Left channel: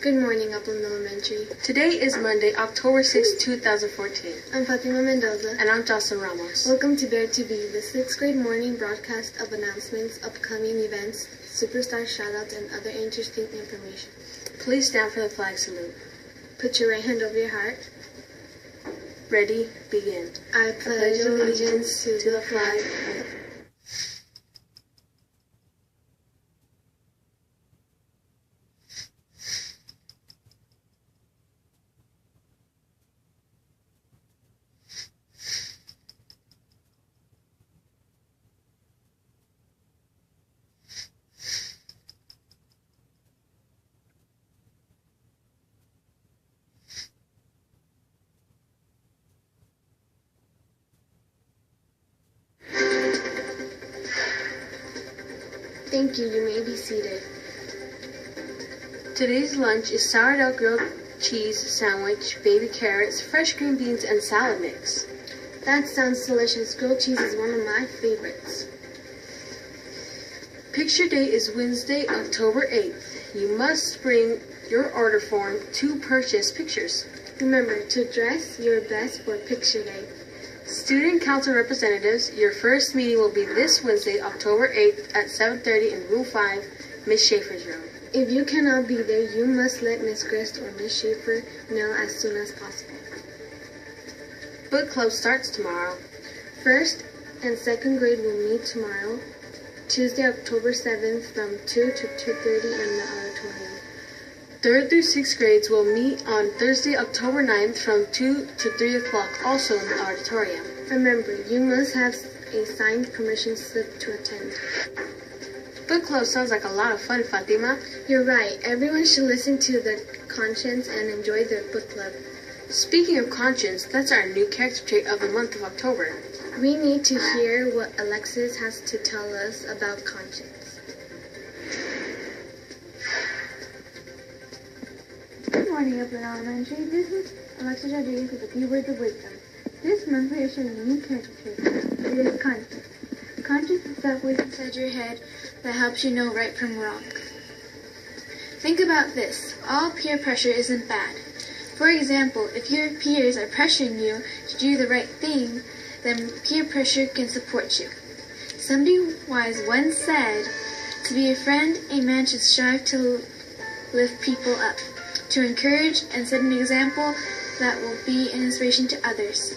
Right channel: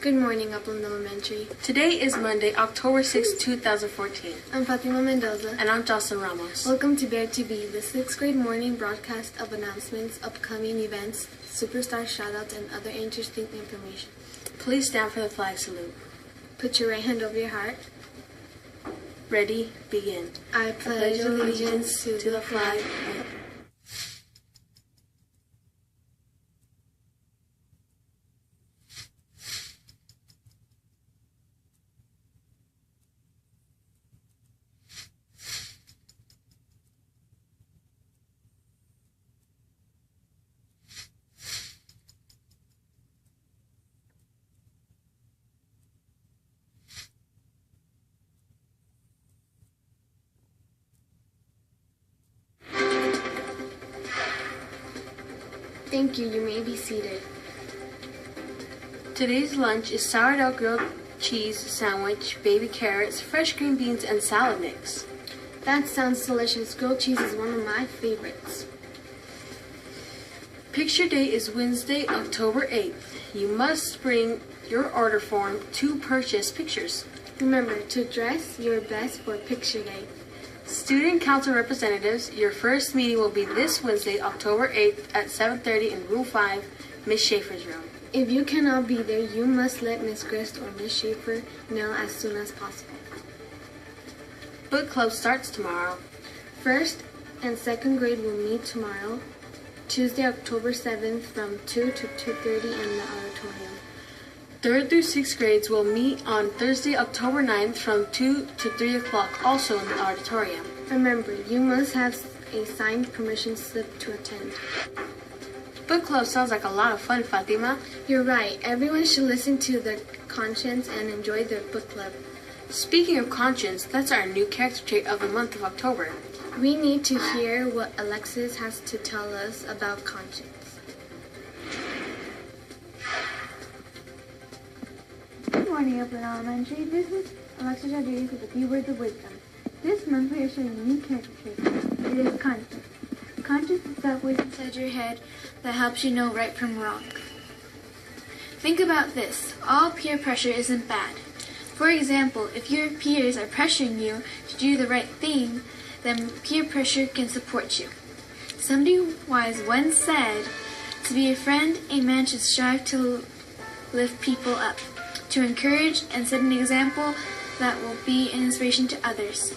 Good morning, Upland Elementary. Today is Monday, October 6, 2014. I'm Fatima Mendoza. And I'm Jocelyn Ramos. Welcome to Bear to Be, the 6th grade morning broadcast of announcements, upcoming events, superstar shoutouts, and other interesting information. Please stand for the flag salute. Put your right hand over your heart. Ready, begin. I pledge allegiance to the flag. Thank you. You may be seated. Today's lunch is sourdough grilled cheese sandwich, baby carrots, fresh green beans, and salad mix. That sounds delicious. Grilled cheese is one of my favorites. Picture day is Wednesday, October 8th. You must bring your order form to purchase pictures. Remember to dress your best for picture day. Student Council representatives, your first meeting will be this Wednesday, October 8th at 7:30 in Room 5, Ms. Schaefer's room. If you cannot be there, you must let Ms. Grist or Ms. Schaefer know as soon as possible. Book club starts tomorrow. 1st and 2nd grade will meet tomorrow, Tuesday, October 7th from 2 to 2:30 in the auditorium. 3rd through 6th grades will meet on Thursday, October 9th from 2 to 3 o'clock, also in the auditorium. Remember, you must have a signed permission slip to attend. Book club sounds like a lot of fun, Fatima. You're right. Everyone should listen to their conscience and enjoy their book club. Speaking of conscience, that's our new character trait of the month of October. We need to hear what Alexis has to tell us about conscience. Good morning, Upland Elementary. This is Alexis Rodriguez with a few words of wisdom. This month we are showing a new character trait. It is conscience. Conscience is that voice inside your head that helps you know right from wrong. Think about this. All peer pressure isn't bad. For example, if your peers are pressuring you to do the right thing, then peer pressure can support you. Somebody wise once said, to be a friend, a man should strive to lift people up, to encourage and set an example that will be an inspiration to others.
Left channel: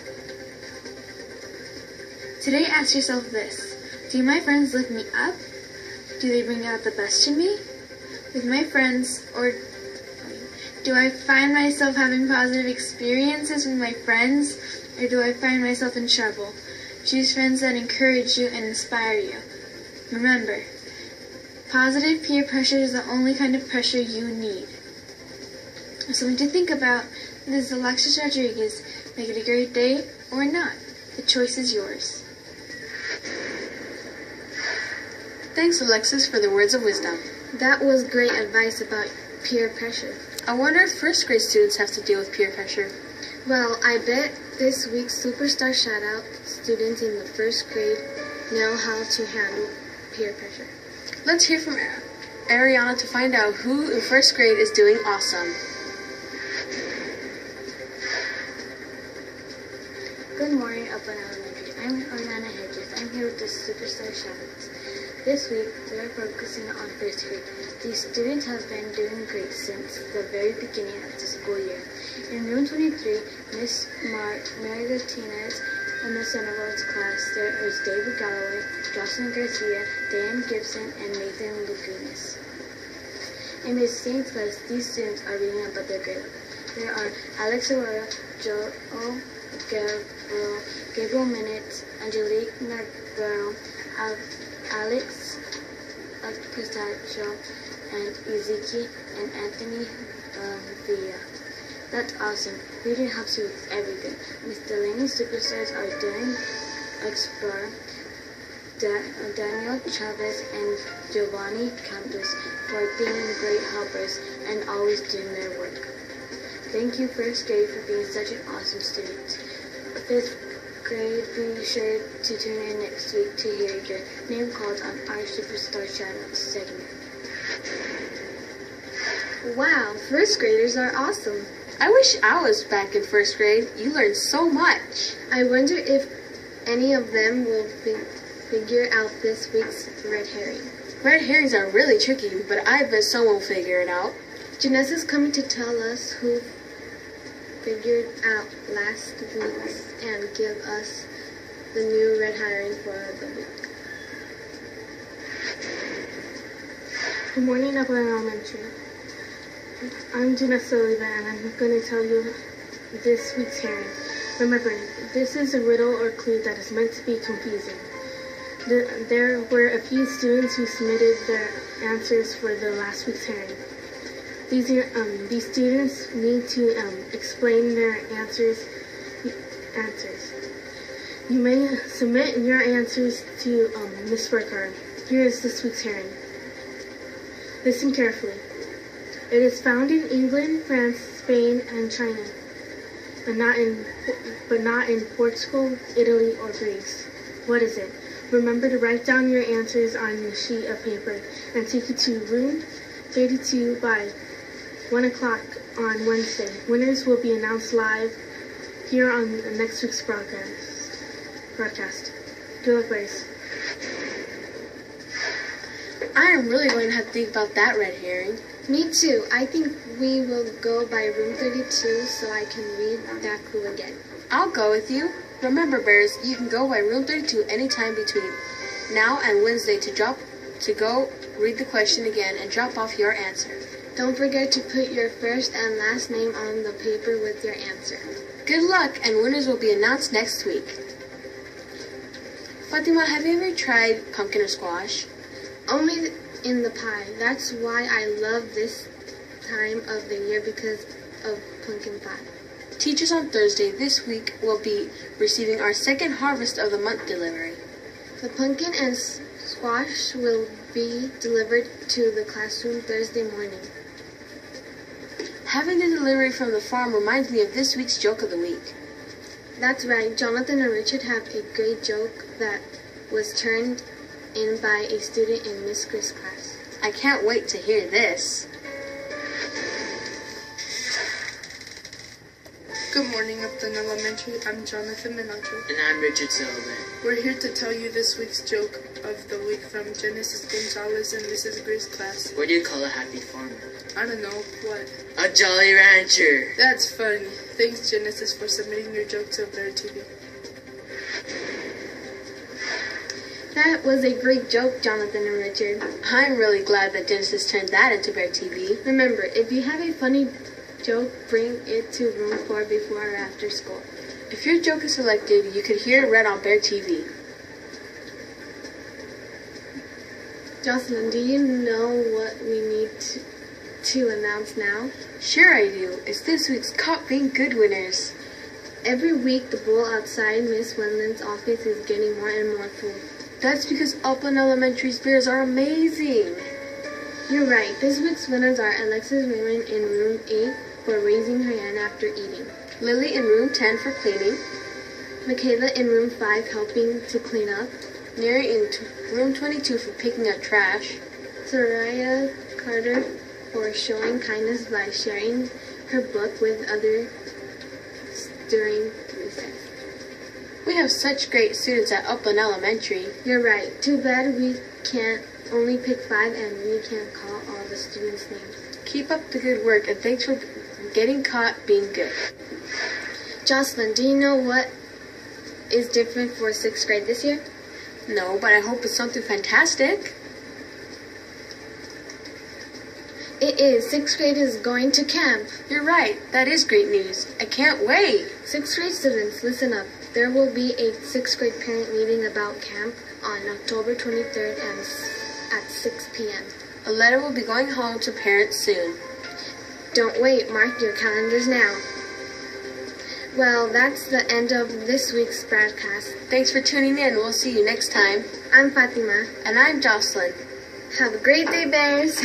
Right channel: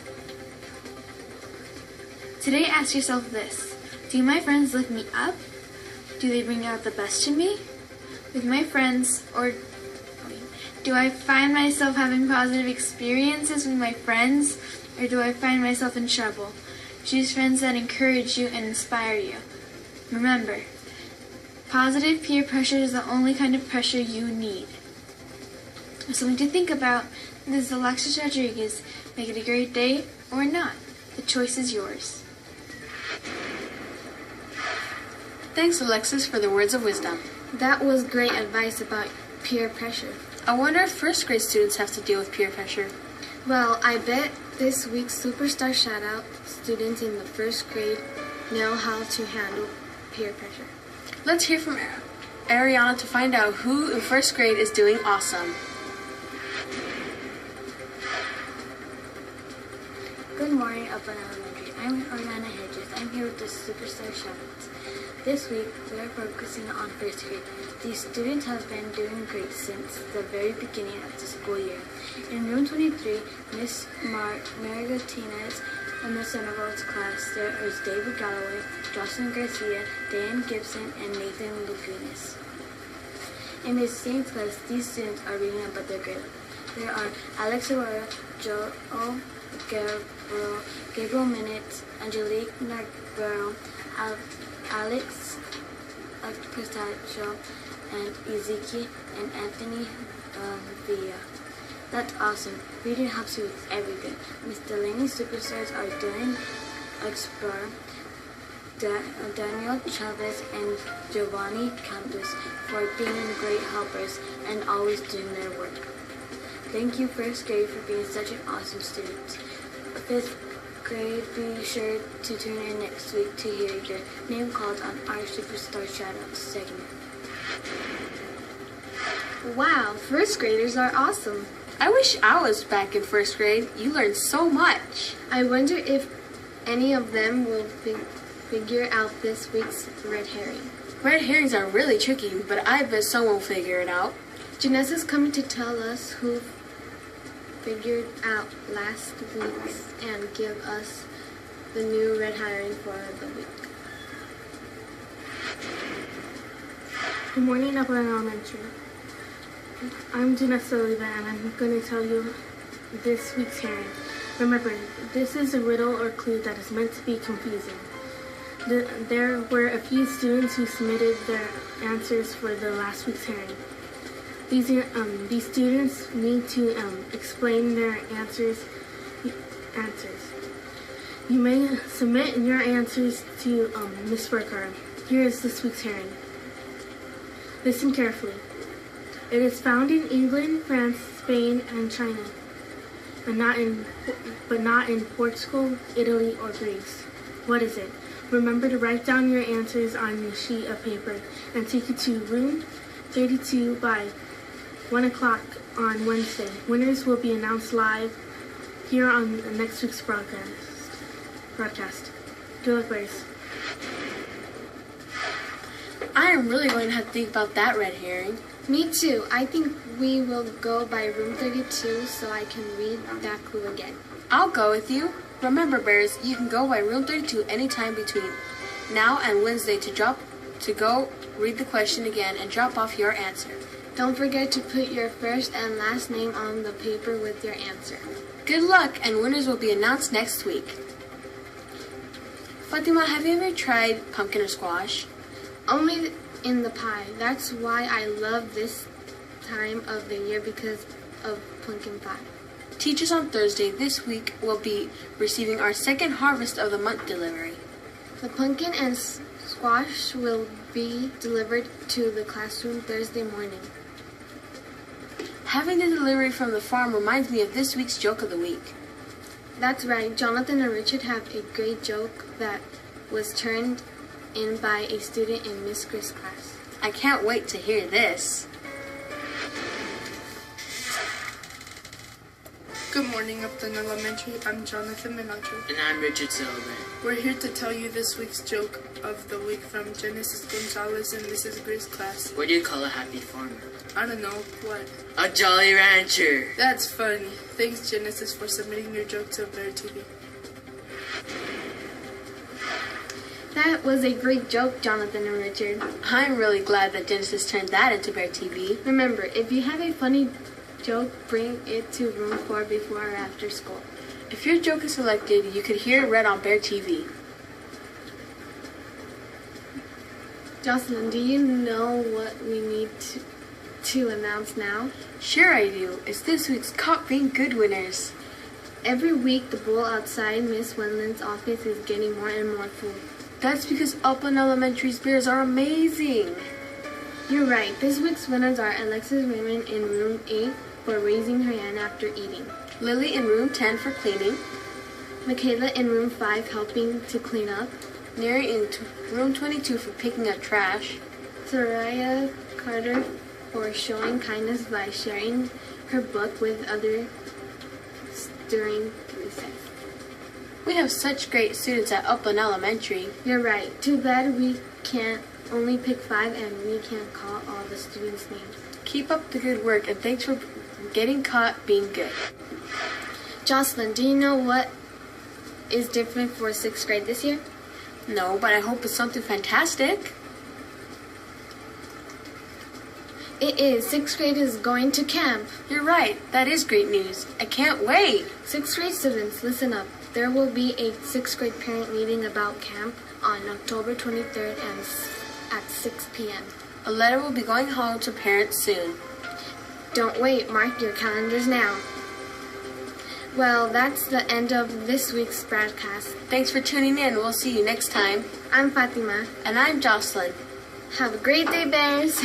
Today, ask yourself this. Do my friends lift me up? Do they bring out the best in me? With my friends, or do I find myself having positive experiences with my friends, or do I find myself in trouble? Choose friends that encourage you and inspire you. Remember, positive peer pressure is the only kind of pressure you need. Something to think about. This is Alexis Rodriguez. Make it a great day or not. The choice is yours. Thanks, Alexis, for the words of wisdom. That was great advice about peer pressure. I wonder if first grade students have to deal with peer pressure. Well, I bet this week's Superstar Shoutout students in the 1st grade know how to handle peer pressure. Let's hear from Ariana to find out who in 1st grade is doing awesome. Good morning, Upland Elementary. I'm Ariana Hedges. I'm here with the Superstar Shoutouts. This week, we are focusing on 1st grade. These students have been doing great since the very beginning of the school year. In room 23, Miss Mary Martinez and Miss Sandoval's class, there is David Galloway, Jocelyn Garcia, Dan Gibson, and Nathan Lugunas. In Miss Saint's class, these students are reading about their grade. There are Alex Aurora, Joel Gabriel Minutes, Angelique Navarro, Alex Pistachio, and Ezekiel and Anthony Villa. That's awesome. Reading helps you with everything. Miss Delaney's superstars are Dylan Explorer, Daniel Chavez, and Giovanni Campos for being great helpers and always doing their work. Thank you, 1st grade, for being such an awesome student. 5th grade, be sure to tune in next week to hear your name called on our Superstar Shoutouts segment. Wow, first graders are awesome. I wish I was back in first grade. You learn so much. I wonder if any of them will figure out this week's red herring. Red herrings are really tricky, but I bet someone will figure it out. Janessa is coming to tell us who figured out last week's and give us the new red herring for the week. Good morning, Upland Elementary. I'm Janessa Oliva, and I'm going to tell you this week's herring. Remember, this is a riddle or clue that is meant to be confusing. There were a few students who submitted their answers for the last week's herring. These students need to explain their answers. You may submit your answers to Ms. Burkhardt. Here is this week's herring. Listen carefully. It is found in England, France, Spain, and China, but not in Portugal, Italy, or Greece. What is it? Remember to write down your answers on a sheet of paper and take it to room 32 by 1 o'clock on Wednesday. Winners will be announced live here on next week's broadcast. Good luck, boys. I am really going to have to think about that red herring. Me too. I think we will go by room 32 so I can read that clue again. I'll go with you. Remember, Bears, you can go by room 32 anytime between now and Wednesday to go read the question again and drop off your answer. Don't forget to put your first and last name on the paper with your answer. Good luck, and winners will be announced next week. Fatima, have you ever tried pumpkin or squash? Only in the pie. That's why I love this time of the year, because of pumpkin pie. Teachers on Thursday this week will be receiving our second Harvest of the Month delivery. The pumpkin and squash will be delivered to the classroom Thursday morning. Having the delivery from the farm reminds me of this week's joke of the week. That's right. Jonathan and Richard have a great joke that was turned in by a student in Miss Chris' class. I can't wait to hear this. Good morning, Upton Elementary. I'm Jonathan Minacho. And I'm Richard Sullivan. We're here to tell you this week's joke of the week from Genesis Gonzalez and Mrs. Grace class. What do you call a happy farmer? I don't know, what? A Jolly Rancher. That's funny. Thanks, Genesis, for submitting your joke to Bear TV. That was a great joke, Jonathan and Richard. I'm really glad that Genesis turned that into Bear TV. Remember, if you have a funny joke, bring it to room 4 before or after school. If your joke is selected, you could hear it read on Bear TV. Jocelyn, do you know what we need to announce now? Sure I do. It's this week's Caught Being Good winners. Every week, the bowl outside Miss Wendland's office is getting more and more full. That's because Upland Elementary's bears are amazing. You're right. This week's winners are Alexis Raymond in room 8 for raising her hand after eating. Lily in room 10 for cleaning. Michaela in room 5 helping to clean up. Neri in room 22 for picking up trash. Soraya Carter for showing kindness by sharing her book with others during recess. We have such great students at Upland Elementary. You're right. Too bad we can't only pick 5 and we can't call all the students' names. Keep up the good work, and thanks for getting caught being good. Jocelyn, do you know what is different for 6th grade this year? No, but I hope it's something fantastic. It is. 6th grade is going to camp. You're right. That is great news. I can't wait. 6th grade students, listen up. There will be a 6th grade parent meeting about camp on October 23rd at 6 p.m. A letter will be going home to parents soon. Don't wait. Mark your calendars now. Well, that's the end of this week's broadcast. Thanks for tuning in. We'll see you next time. I'm Fatima. And I'm Jocelyn. Have a great day, Bears.